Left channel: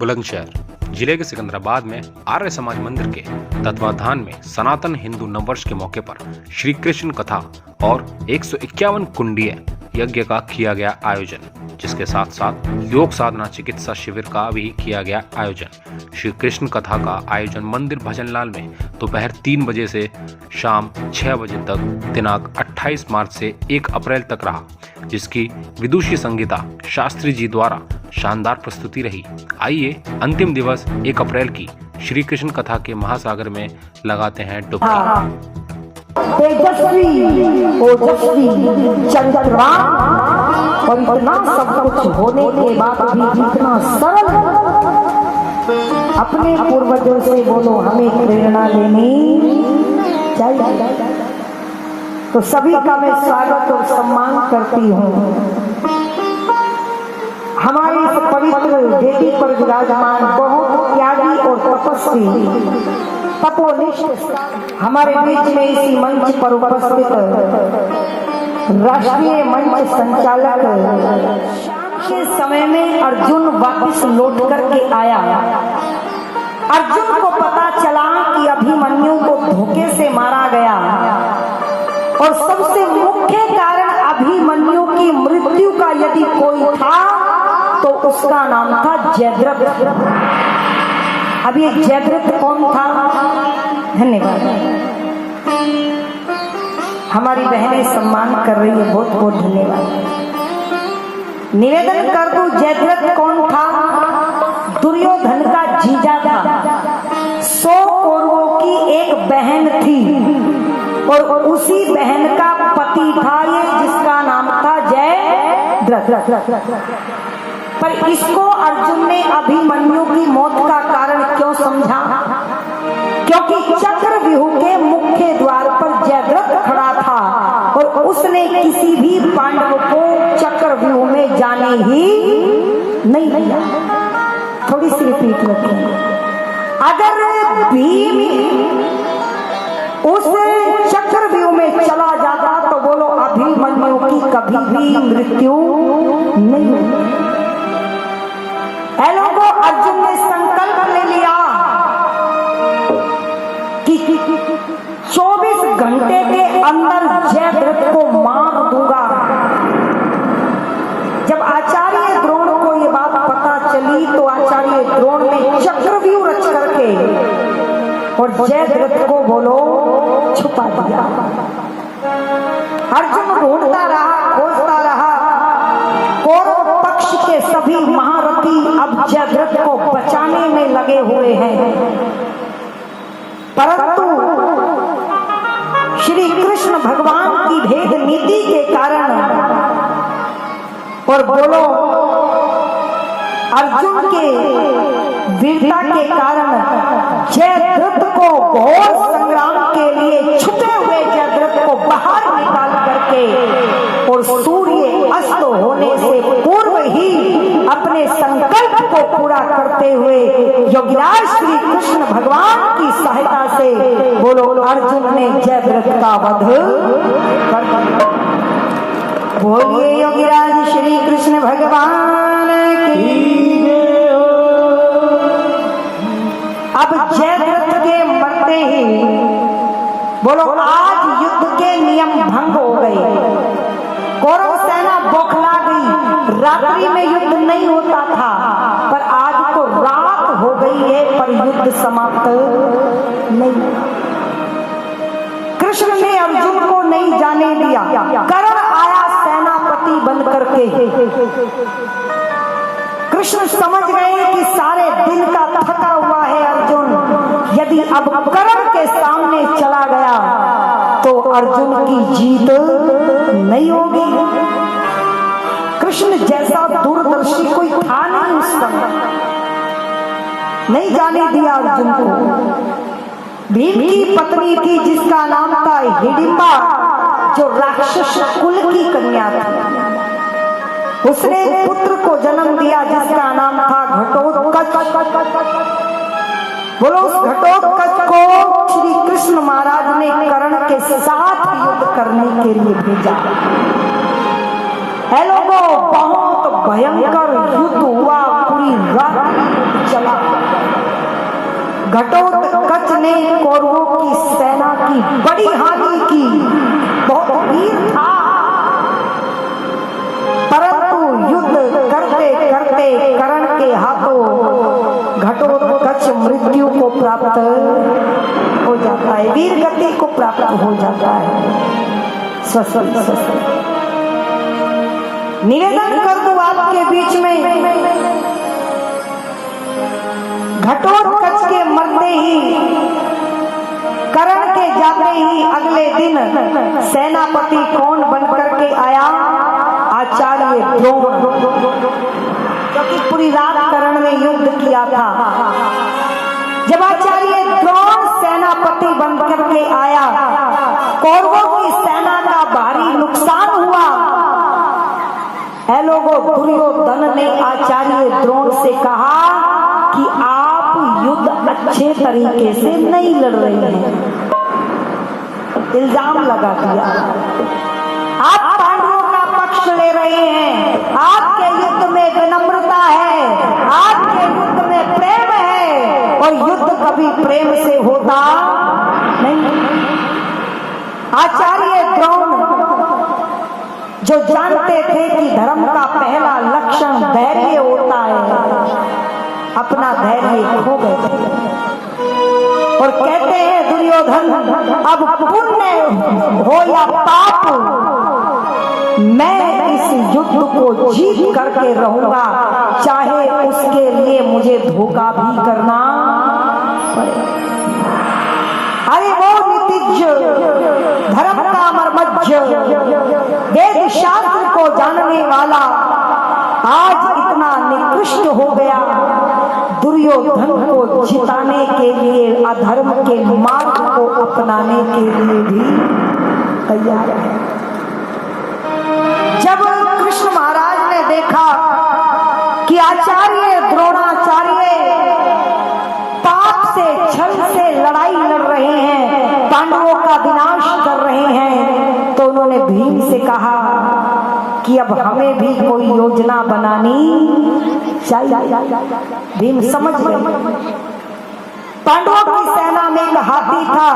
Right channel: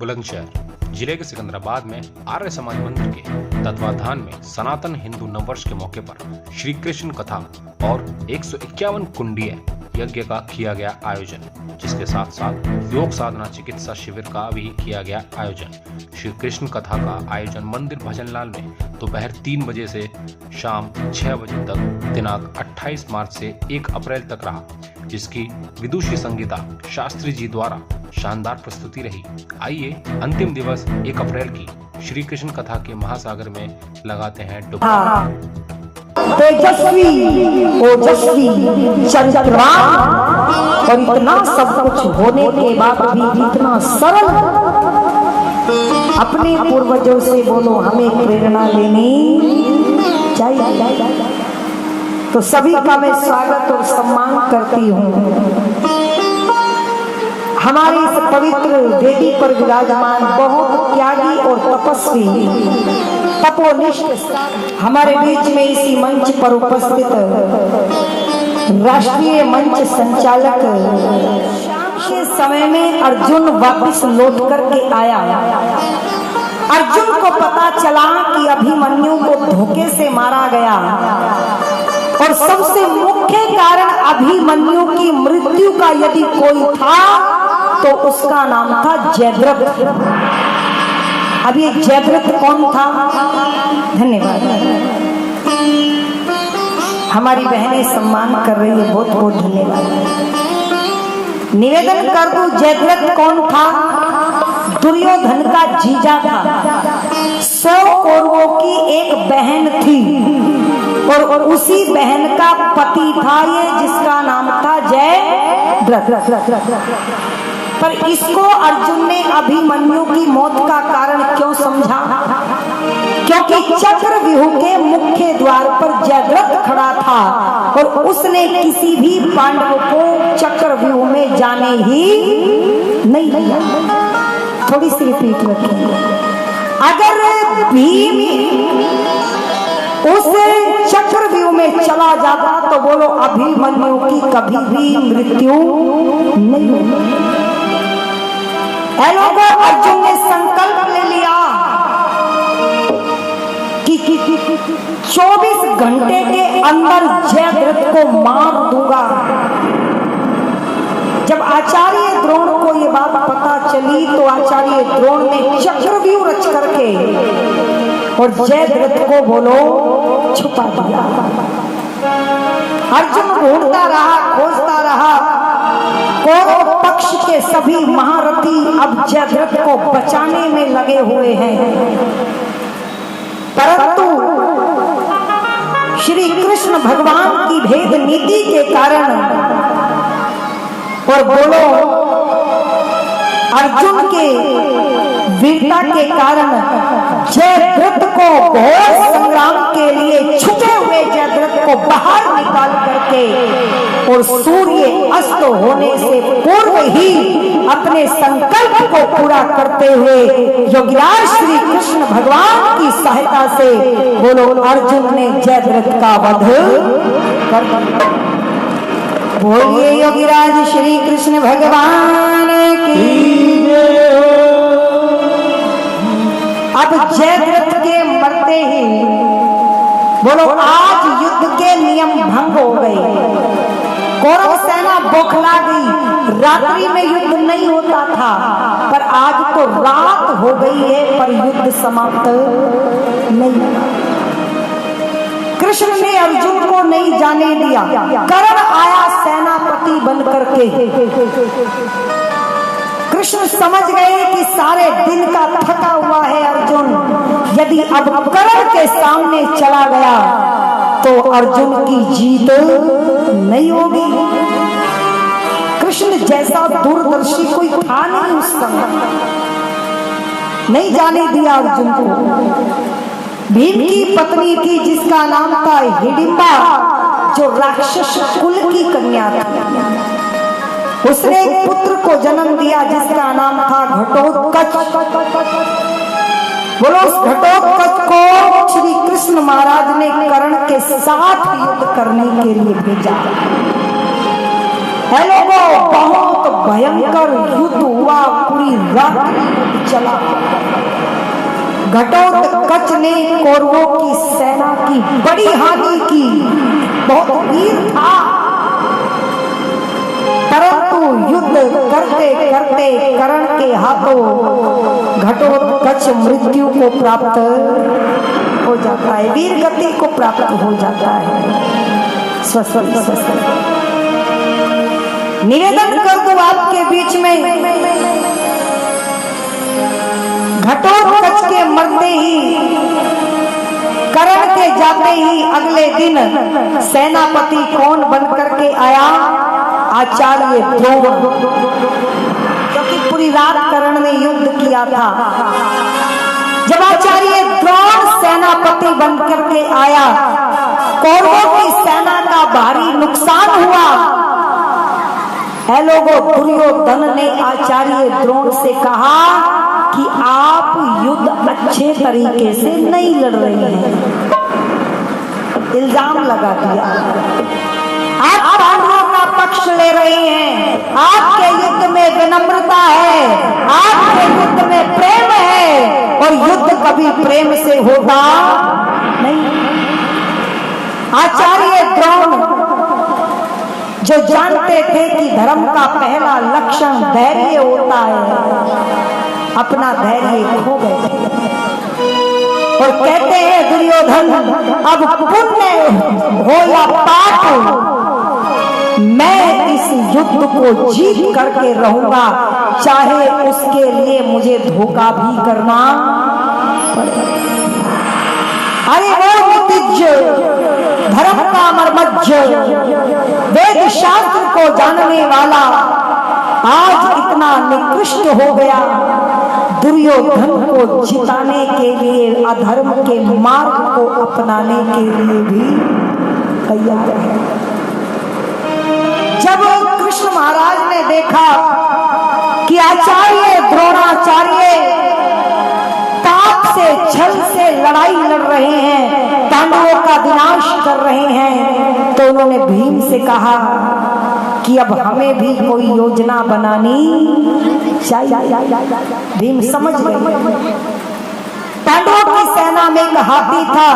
बुलंदशहर जिले के सिकंदराबाद में आर्य समाज मंदिर के तत्वाधान में सनातन हिंदू नववर्ष के मौके पर श्री कृष्ण कथा और 151 कुंडीय यज्ञ का किया गया आयोजन, जिसके साथ साथ योग साधना चिकित्सा शिविर का भी किया गया आयोजन। श्री कृष्ण कथा का आयोजन मंदिर भजनलाल में दोपहर 3 बजे से शाम 6 बजे तक दिनांक 28 मार्च से 1 अप्रैल तक रहा, जिसकी विदुषी संगीता शास्त्री जी द्वारा शानदार प्रस्तुति रही। आइए अंतिम दिवस 1 अप्रैल की श्री कृष्ण कथा के महासागर में लगाते हैं डुबकी। तेजस्वी ओजस्वी चंद्रराम और इतना सब कुछ होने के बाद भी इतना सरल, अपने पूर्वजों से बोलो हमें प्रेरणा लेनी चाहिए। तो सभी का मैं स्वागत और सम्मान करती हूँ। हमारे इस पवित्र वेदी पर विराजमान बहुत त्यागी और तपस्वी तपोनिष्ठ हमारे बीच में इसी मंच पर उपस्थित राष्ट्रीय मंच संचालक के समय में अर्जुन वापस लौट करके आया। अर्जुन को पता चला कि अभिमन्यु को धोखे से मारा गया और सबसे मुख्य कारण अभिमन्यु की मृत्यु का यदि कोई था तो उसका नाम था जयद्रथ। अब ये जयद्रथ कौन था? धन्यवाद। हमारी बहनें सम्मान कर रही है, बहुत बहुत धन्यवाद। निवेदन कर दूं, जयद्रथ कौन था? दुर्योधन का जीजा था। 100 कौरवों की एक बहन थी और उसी बहन का पति था ये, जिसका नाम था जयद्रथ। पर इसको अर्जुन ने अभिमन्यु की मौत का कारण क्यों समझा? क्योंकि चक्रव्यूह के मुख्य द्वार पर जयद्रथ खड़ा था और उसने किसी भी पांडव को चक्रव्यूह में जाने ही नहीं दिया। थोड़ी सी रिपीट रखेंगे। अगर भीम उस चक्रव्यूह में चला जाता तो बोलो अभिमन्यु की कभी भी मृत्यु नहीं हुई। लोगों, अर्जुन ने संकल्प ले लिया कि 24 घंटे के अंदर जयद्रथ को मार दूंगा। जब आचार्य द्रोण को ये बात पता चली तो आचार्य द्रोण ने चक्रव्यूह रच करके और जयद्रथ को बोलो छुपा दिया। अर्जुन ढूंढता रहा, खोजता रहा। कौरव पक्ष के सभी महारथी अब जयद्रथ को बचाने में लगे हुए हैं, परंतु श्री कृष्ण भगवान की भेद नीति के कारण और बोलो अर्जुन के वीरता के कारण जयद्रथ को घोर संग्राम के लिए छुपे हुए जयद्रथ को बाहर निकाल करके और सूर्य अस्त होने से पूर्व ही अपने संकल्प को पूरा करते हुए योगीराज श्री कृष्ण भगवान की सहायता से बोलो अर्जुन ने जयद्रथ का वध कर दिया। बोलिए योगीराज श्री कृष्ण भगवान की। अब जयद्रथ के मरते ही बोलो आज युद्ध के नियम भंग हो गए। कौरव सेना बौखला गई। रात्रि में युद्ध नहीं होता था, पर आज तो रात हो गई है पर युद्ध समाप्त नहीं। कृष्ण ने अर्जुन को नहीं जाने दिया। कर्ण आया सेनापति बन करके। कृष्ण समझ गए कि सारे दिन का थका हुआ है अर्जुन, यदि अब कर्ण के सामने चला गया तो अर्जुन की जीत नहीं होगी। कृष्ण जैसा दूरदर्शी कोई था नहीं उस समय, नहीं जाने दिया अर्जुन को। भीम की पत्नी थी जिसका नाम था हिडिंबा, जो राक्षस कुल की कन्या थी। उसने एक पुत्र को जन्म दिया जिसका नाम था घटोत्कच। बोलो उस घटोत्कच को श्री कृष्ण महाराज ने कर्ण के साथ युद्ध करने के लिए भेजा। है लोगों, बहुत भयंकर युद्ध हुआ, पूरी रात चला। घटोत्कच ने कौरवों की सेना की बड़ी हानि की, बहुत वीर था, परंतु युद्ध करते करते कर्ण के हाथों घटोत्कच मृत्यु को प्राप्त हो जाता है, वीर गति को प्राप्त हो जाता है। निवेदन कर दूं आपके बीच में, घटोत्कच के मरते ही, कर्ण के जाते ही अगले दिन सेनापति कौन बन करके आया? आचार्य द्रोण, क्योंकि पूरी रात कर्ण ने युद्ध किया था। जब आचार्य द्रोण सेनापति बन करके आया, कौरवों की सेना का भारी नुकसान हुआ। है लोगों, दुर्योधन ने आचार्य द्रोण से कहा कि आप युद्ध अच्छे तरीके से नहीं लड़ रहे हैं, इल्जाम लगा दिया। आप पांडवों का पक्ष ले रहे हैं, आपके युद्ध में विनम्रता है, आपके युद्ध में प्रेम है, और युद्ध कभी प्रेम से होता नहीं। आचार्य द्रोण जो जानते थे कि धर्म का पहला लक्षण धैर्य होता है, अपना धैर्य खो गए और कहते हैं दुर्योधन, अब पुण्य हो या पाप, मैं इस युद्ध को जीत करके रहूंगा, चाहे उसके लिए मुझे धोखा भी करना पड़े। अरे वो नीतिज्ञ, धर्म का मर्मज्ञ, वेद शास्त्र को जानने वाला आज इतना निकृष्ट हो गया, दुर्योधन को जिताने के लिए, अधर्म के मार्ग को अपनाने के लिए भी तैयार है। जब कृष्ण महाराज ने देखा कि आचार्य द्रोणाचार्य पाप से, छल से लड़ाई लड़ रहे हैं, पांडवों का विनाश कर रहे हैं, तो उन्होंने भीम से कहा कि अब हमें भी कोई योजना बनानी चाहिए। भीम समझ गए, पांडवों की सेना में एक हाथी था,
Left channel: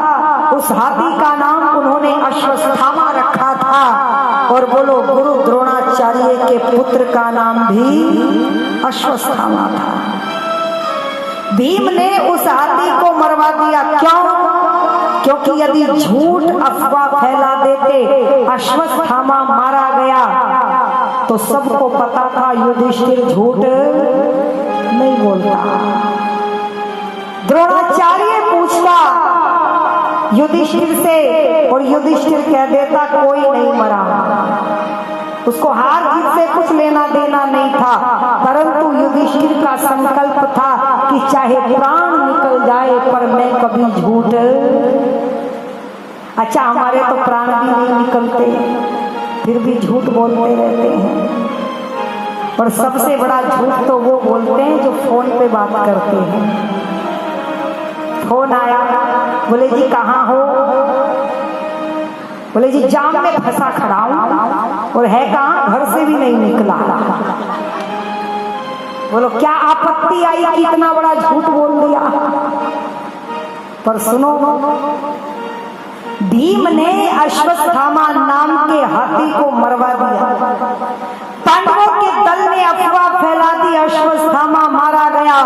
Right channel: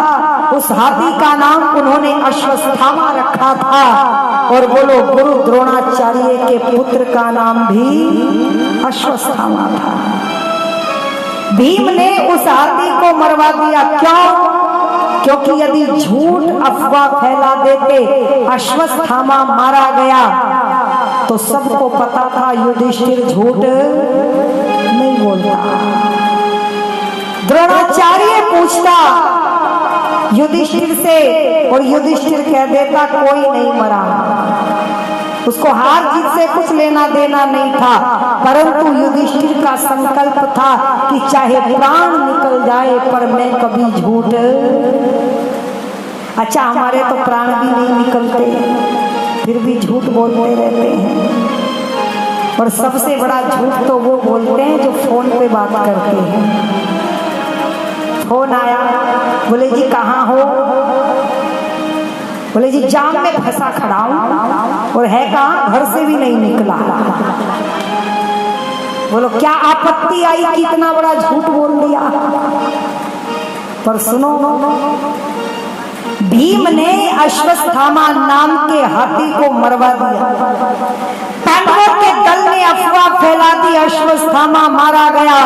उस हाथी का नाम उन्होंने अश्वत्थामा रखा था, और बोलो गुरु द्रोणाचार्य के पुत्र का नाम भी अश्वत्थामा था। भीम ने उस हाथी को मरवा दिया। क्यों? क्योंकि यदि झूठ अफवाह फैला देते, अश्वत्थामा मारा गया, तो सबको पता था युधिष्ठिर झूठ नहीं बोलता। द्रोणाचार्य पूछता युधिष्ठिर से, और युधिष्ठिर कह देता कोई नहीं मरा। उसको हार जीत से कुछ लेना देना नहीं था, परंतु युधिष्ठिर का संकल्प था कि चाहे प्राण निकल जाए पर मैं कभी झूठ। अच्छा, हमारे तो प्राण भी नहीं निकलते, फिर भी झूठ बोलते रहते हैं। और सबसे बड़ा झूठ तो वो बोलते हैं जो फोन पे बात करते हैं। फोन आया, बोले जी कहाँ हो? बोले जी जाम में फंसा खड़ा हूं, और है कहाँ? घर से भी नहीं निकला। बोलो क्या आपत्ति आई कि इतना बड़ा झूठ बोल दिया? पर सुनो, भीम ने अश्वत्थामा नाम के हाथी को मरवा दिया। पांडवों के दल ने अफवाह फैला दी, अश्वत्थामा मारा गया।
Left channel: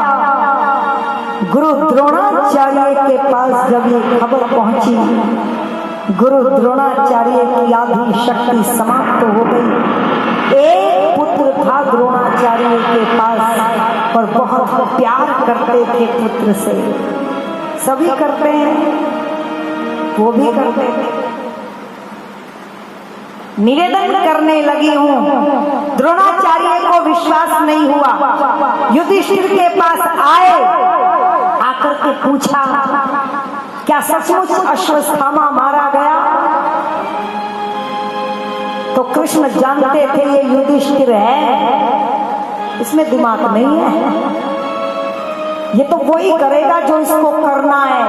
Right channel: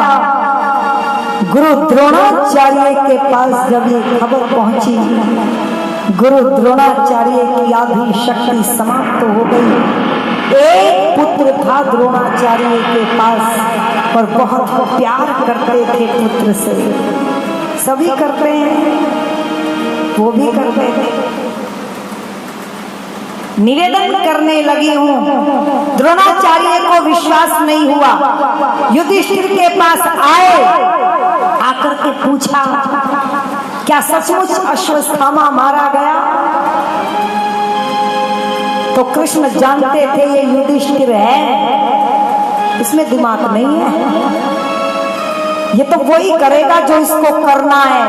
गुरु द्रोणाचार्य के पास जब ये खबर पहुंची, गुरु द्रोणाचार्य की आधी शक्ति समाप्त हो गई। एक पुत्र था द्रोणाचार्य के पास, और बहुत प्यार करते थे पुत्र से। सभी करते हैं, वो भी करते थे। निवेदन करने लगी हूं, द्रोणाचार्य को विश्वास नहीं हुआ। युधिष्ठिर के पास आए, आकर के पूछा क्या सचमुच अश्वत्थामा मारा गया? तो कृष्ण जानते थे ये युधिष्ठिर है, इसमें दिमाग नहीं है, ये तो वही करेगा जो इसको करना है।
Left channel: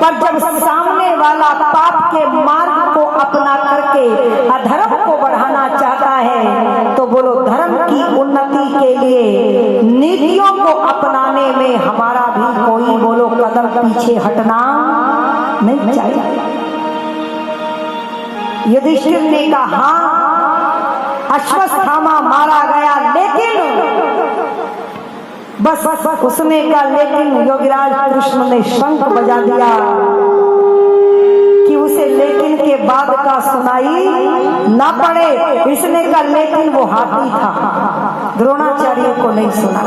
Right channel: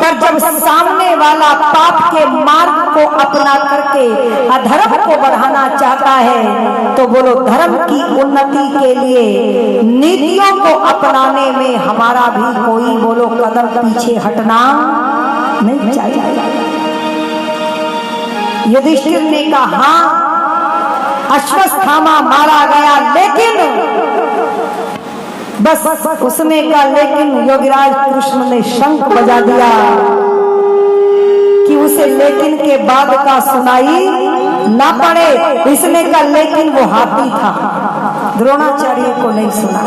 पर जब सामने वाला पाप के मार्ग को अपना करके अधर्म को बढ़ाना चाहता है, तो बोलो धर्म की उन्नति के लिए नीतियों को अपनाने में हमारा भी कोई बोलो कदम पीछे हटना नहीं चाहिए। युधिष्ठिर ने कहा हाँ, अश्वत्थामा मारा गया, लेकिन बस उसने कहा लेकिन योगीराज कृष्ण ने शंख बजा दिया कि उसे लेकिन के बाद का सुनाई ना पड़े। इसने कहा लेकिन वो हाथी था, द्रोणाचार्य को नहीं सुना।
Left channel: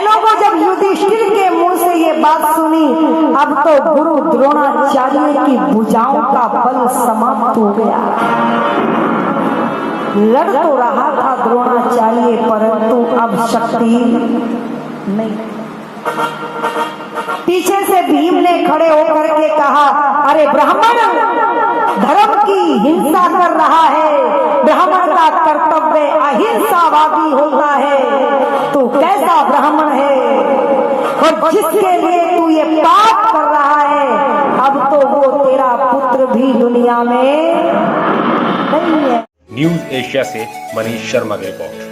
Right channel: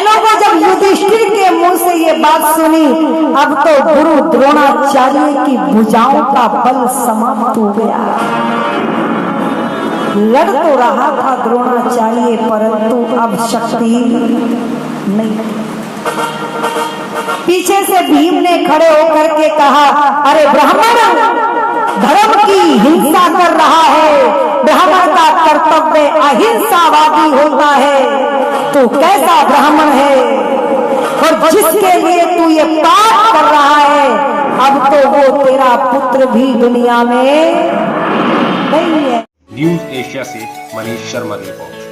लोगों जब युधिष्ठिर के मुंह से ये बात सुनी, अब तो गुरु द्रोणाचार्य की भुजाओं का बल समाप्त हो गया। लड़ तो रहा था द्रोणाचार्य, परंतु अब शक्ति नहीं। पीछे से भीम ने खड़े होकर के कहा अरे ब्राह्मण धर्म की हिंसा कर रहा है, ब्राह्मण का कर्तव्य अहिंसावादी होता है, तू कैसा ब्राह्मण है और जिसके लिए तू ये पाप कर रहा है, अब तो वो तेरा पुत्र भी दुनिया में नहीं है। न्यूज एशिया से मनीष शर्मा की रिपोर्ट।